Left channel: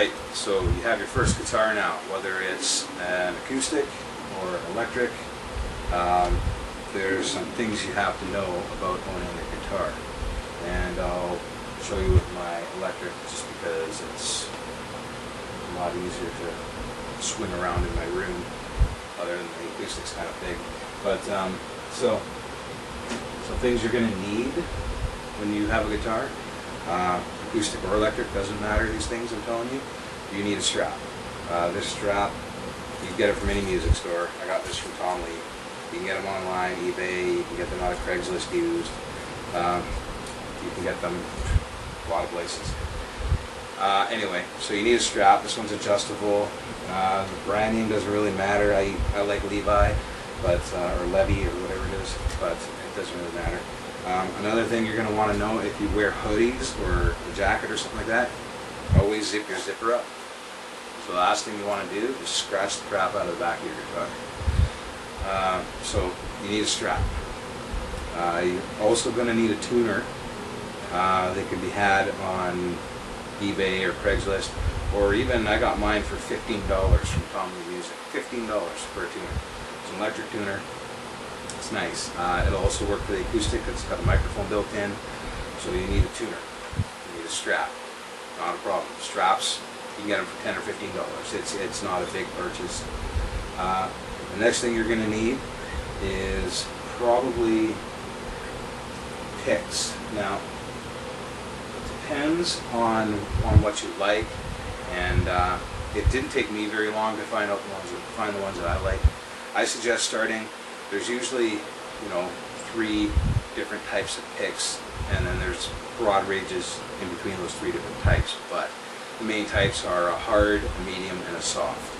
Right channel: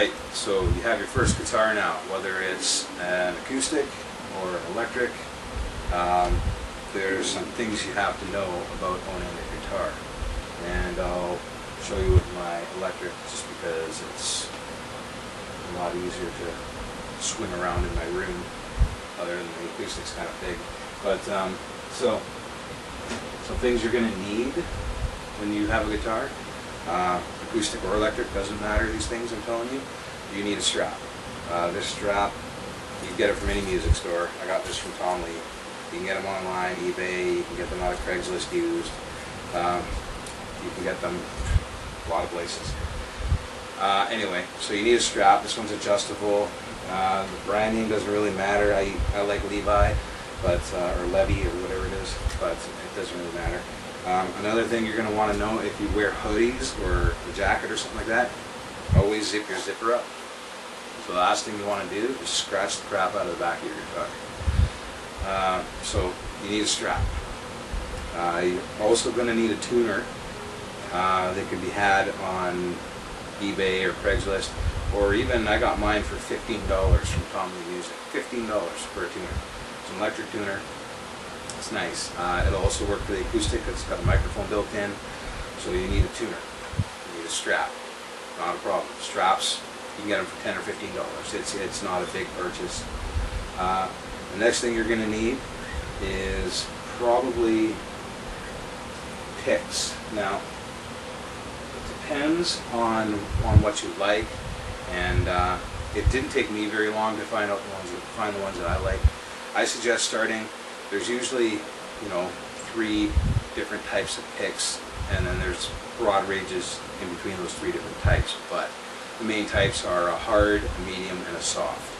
Alright, so you have your first guitar now, whether it's an acoustic or an electric. There's some things you have to know about owning a guitar. And I'll show you with my electric just because it's a lot easier to swing around in my room, other than the acoustic's kind of big. But so some things you're going to need when you have a guitar, acoustic or electric, doesn't matter, these things I'm telling you. You need a strap. This strap, you can get it from any music store. I got this from Tom Lee. You can get them online, eBay, you can get them out of Craigslist used. You can get them a lot of places. Anyway, so you need a strap. This one's adjustable. The brand name doesn't really matter. I like Levi, but or Levy or whatever it is, but it doesn't really matter. Another thing you're going to want to know, if you wear hoodies or a jacket or something like that, always zip your zipper up. So the last thing you want to do is scratch the crap out of the back of your guitar. So you need a strap. You're also going to need a tuner. They can be had on eBay or Craigslist, or even I got mine for $15 from Tom Lee Music. $15 for a tuner. It's an electric tuner. It's nice. It'll also work for the acoustic. It's got a microphone built in. So you need a tuner. You need a strap. Not a problem. Straps, you can get them for $10 or $15. It's not a big purchase. The next thing you're going to need is probably picks. Now, it depends on what you like, and it didn't take me very long to find the ones that I like. I suggest starting. There's usually, 3 different types of picks, and then there's broad ranges in between those 3 different types. But the main types are a hard, a medium, and a soft.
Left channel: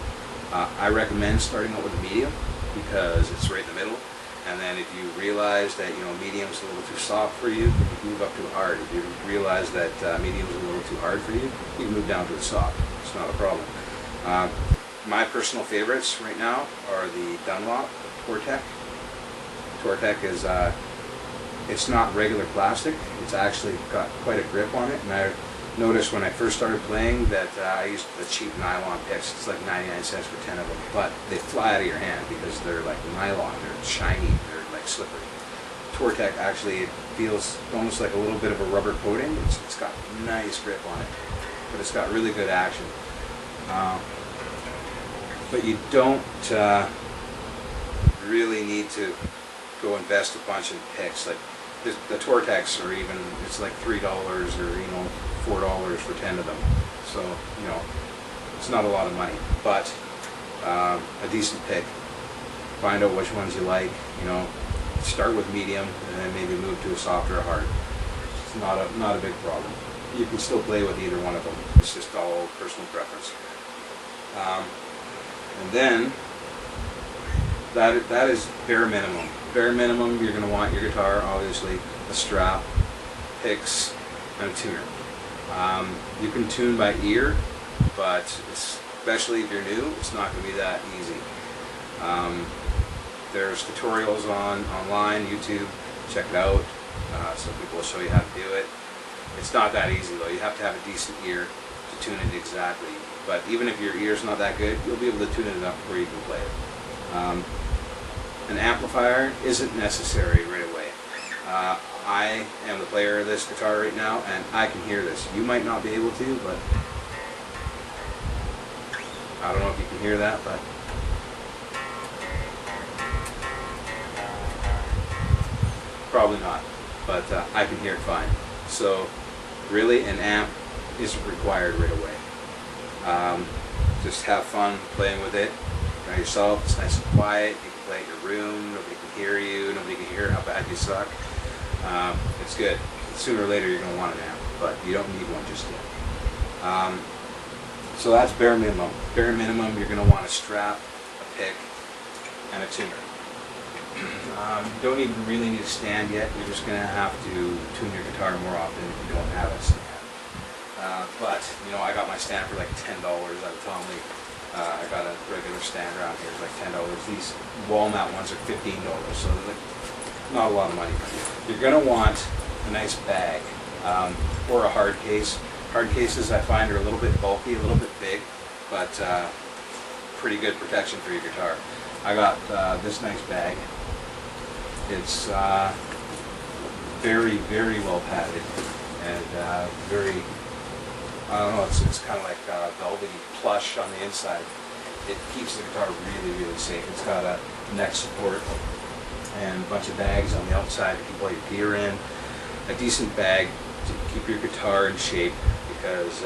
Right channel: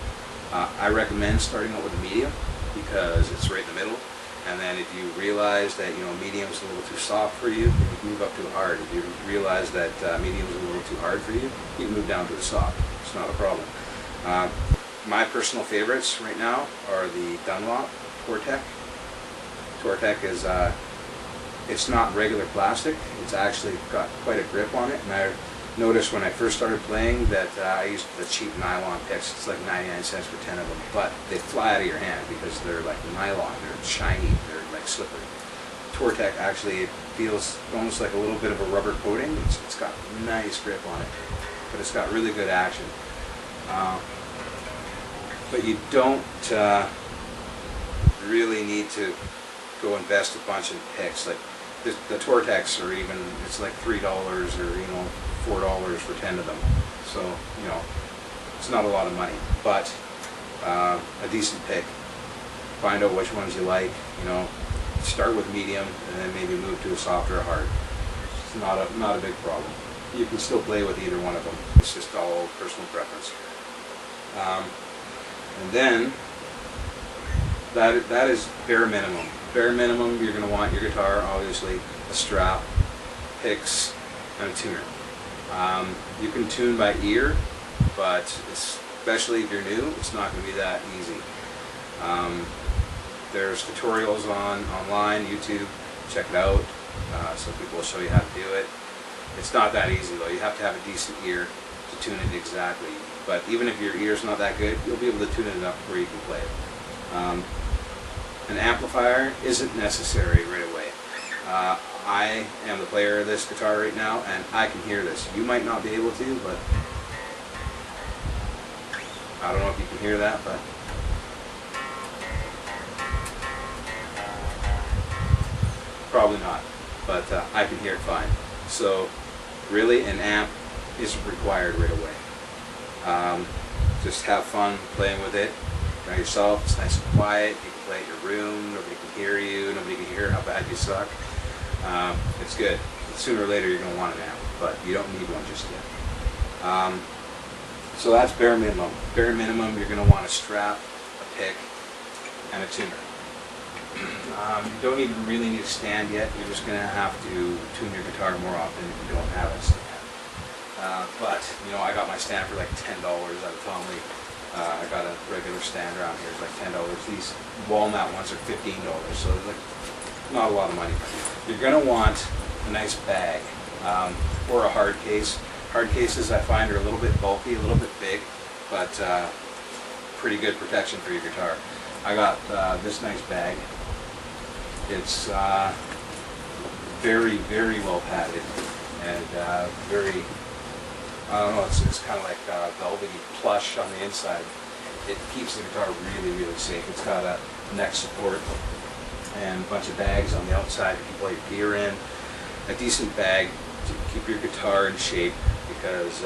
I recommend starting out with a medium because it's right in the middle. And then if you realize that medium's a little too soft for you, then you can move up to a hard. If you realize that medium's a little too hard for you, you can move down to a soft. It's not a problem. My personal favorites right now are the Dunlop Tortec. Tortec is it's not regular plastic. It's actually got quite a grip on it. And I noticed when I first started playing that I used the cheap nylon picks. It's like 99 cents for 10 of them, but they fly out of your hand because they're like nylon. They're shiny. They're like slippery. Tortec actually, it feels almost like a little bit of a rubber coating. It's got nice grip on it, but it's got really good action. But you don't really need to go invest a bunch in picks. Like the Tortecs are even, it's like $3 or $4 for 10 of them. So it's not a lot of money, but a decent pick. Find out which ones you like. Start with medium and then maybe move to a soft or a hard. It's not a big problem. You can still play with either one of them. It's just all personal preference. And then that is bare minimum. Bare minimum, you're going to want your guitar, obviously, a strap, picks, and a tuner. You can tune by ear, but especially if you're new, it's not going to be that easy. There's tutorials online, YouTube. Check it out. Some people will show you how to do it. It's not that easy though. You have to have a decent ear to tune it exactly. But even if your ear's not that good, you'll be able to tune it enough where you can play it. An amplifier isn't necessary right away. I am the player of this guitar right now, and I can hear this. You might not be able to, but I don't know if you can hear that, but probably not. But I can hear it fine. So really, an amp isn't required right away. Just have fun playing with it by yourself. It's nice and quiet. You can play at your room. Nobody can hear you. Nobody can hear how bad you suck. It's good. Sooner or later you're going to want an amp, but you don't need one just yet. So that's bare minimum. Bare minimum, you're going to want a strap, a pick, and a tuner. You don't even really need a stand yet. You're just going to have to tune your guitar more often if you don't have a stand. But I got my stand for like $10 out of Tom Lee. I got a regular stand around here. It's like $10. These walnut ones are $15, so they're like not a lot of money. You're going to want a nice bag or a hard case. Hard cases I find are a little bit bulky, a little bit big, but pretty good protection for your guitar. I got this nice bag. It's very, very well padded and very, I don't know, it's kind of like velvety plush on the inside. It keeps the guitar really, really safe. It's got a neck support and a bunch of bags on the outside to keep all your gear in. A decent bag to keep your guitar in shape because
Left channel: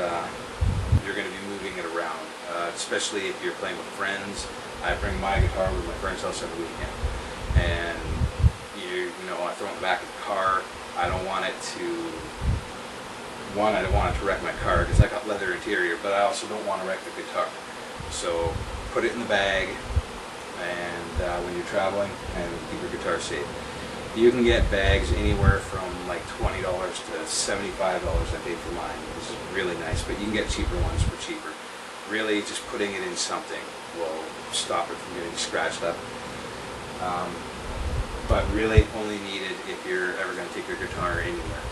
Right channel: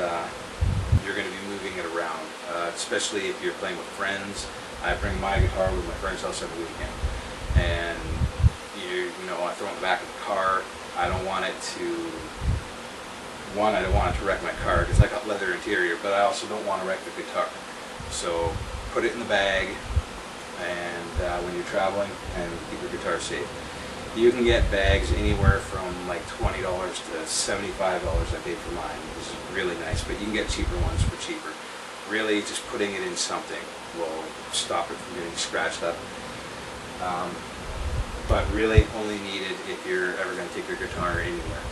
you're going to be moving it around, especially if you're playing with friends. I bring my guitar with my friend's house every weekend, and you know, I throw it in the back of the car. I don't want it to, I don't want it to wreck my car because I got leather interior, but I also don't want to wreck the guitar. So put it in the bag, and when you're traveling, and keep your guitar safe. You can get bags anywhere from like $20 to $75 I paid for mine. This is really nice, but you can get cheaper ones for cheaper. Really, just putting it in something will stop it from getting scratched up. But really only needed if you're ever going to take your guitar anywhere.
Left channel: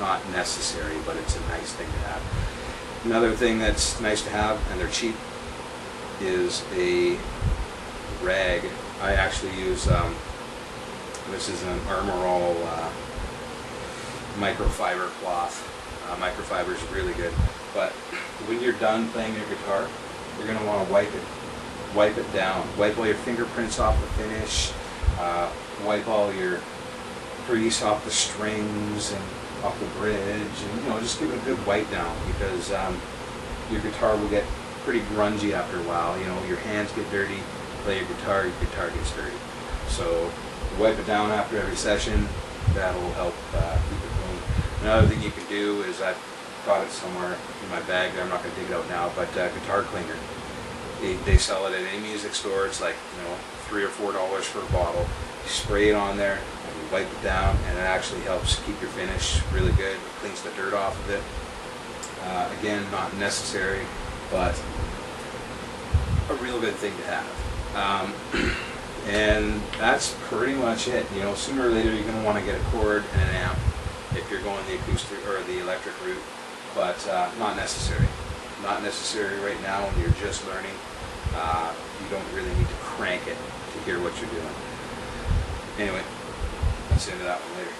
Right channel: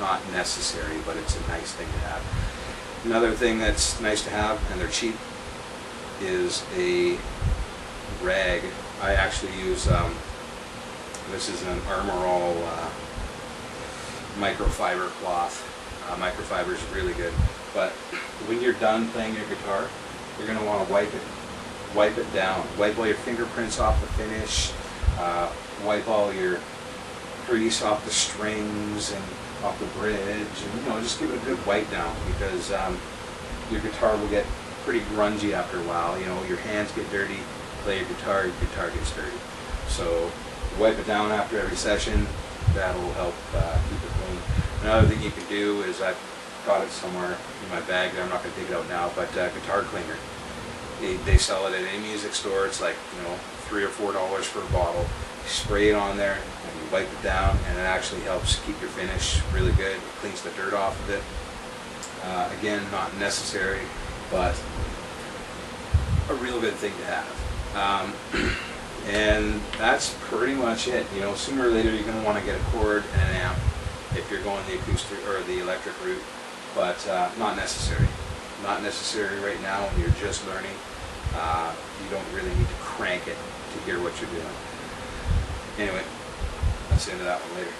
Not necessary, but it's a nice thing to have. Another thing that's nice to have, and they're cheap, is a rag. I actually use, this is an Armor All microfiber cloth. Microfiber is really good, but when you're done playing your guitar, you're going to want to wipe it down. Wipe all your fingerprints off the finish, wipe all your grease off the strings and off the bridge, and you know, just give it a good wipe down, because your guitar will get pretty grungy after a while. You know, your hands get dirty, play your guitar gets dirty. So wipe it down after every session. That'll help keep it clean. Another thing you can do is, I've got it somewhere in my bag there, I'm not going to dig it out now, but guitar cleaner. They sell it at any music store. It's like, you know, $3 or $4 for a bottle. You spray it on there and you wipe it down, and it actually helps keep your finish really good. It cleans the dirt off of it. Again, not necessary, but a real good thing to have. And that's pretty much it. You know, sooner or later you're going to want to get a cord and an amp if you're going the acoustic or the electric route, but not necessary. Not necessary right now when you're just learning. You don't really need to crank it to hear what you're doing. Anyway, that's the end of that one. Later.